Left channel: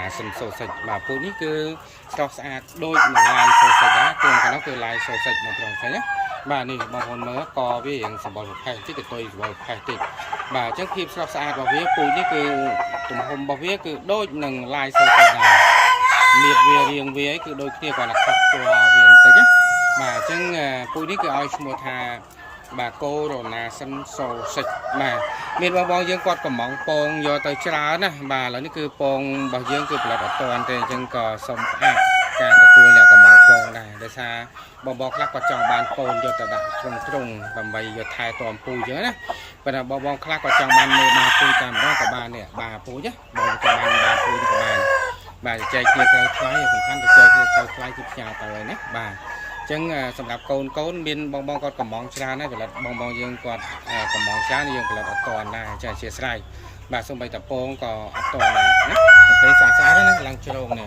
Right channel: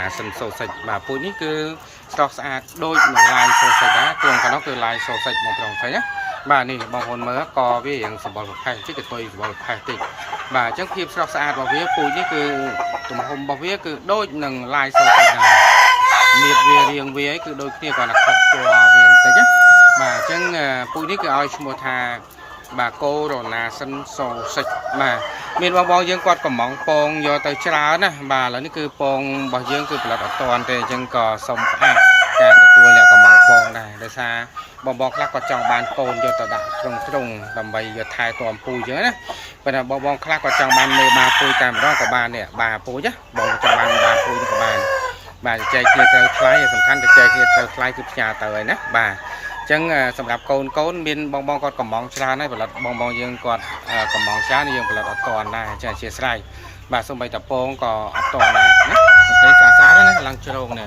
ណាសិនសូសិចបាទពូជនេះគឺស្រស់ស្អាតដូចនឹងឡាយសូសិចដែរគ្រឿងកណ្ដោះគឺឡាយសូសិចបងប្រុសស្រីណាបាទនេះបងប្អូនមើលកវាយ៉ាងសម្បល់ប្រផេះតិចទៅសម្បល់ប្រផេះតិចបាទអញ្ចឹងភាពស្រស់ស្អាតរបស់វាពូជនេះគឺទំហំរបស់វាគឺដូចនឹងឡាយសូសិចដែរមៀតវារៀងវាគឺដូចគ្នាគាត់តែខុសពណ៌វាបន្តិចណាបាទអញ្ចឹងពូជនេះគឺឲ្យឈ្មោះថាបាទកូរ៉ូណាសិនសូសិចបាទមានបងយើងគាត់កំងពងយកទៅច្រើនណាបាទឥឡូវនេះគឺពងរបស់យើងគឺផលិតអត់តាន់ទេអញ្ចឹងក៏សូមផ្អាកការទទួលអ្នកកំងពងដែរដោយសារបងខ្លះគាត់ចង់បានកូនយកទៅដាក់ត្រង់ដើម្បីយកថែទាំពូជអញ្ចឹងណាប៉ុន្តែបងខ្លះគាត់ចង់បានមេបាពូជតែម្ដងក៏បាននេះបាពូជណាបងចង់បានបាពូជក៏បានបាទចែកគ្នាត្រូវថ្លៃសំខាន់តែចែកគ្នាត្រូវថ្លៃគឺផ្ញើទៅហើយណាបាទចឹងសម្រាប់កូនមានបងគាត់កំងច្រើនហើយផលិតបងយើងគាត់កំងច្រើនយើងផលិតអត់តាន់ដែរចាអធិស្ឋានបាទសូម្បីតែពងក៏អត់តាន់ដែរណាអូខេស្អាតៗណាឡើងជ្រងនេះ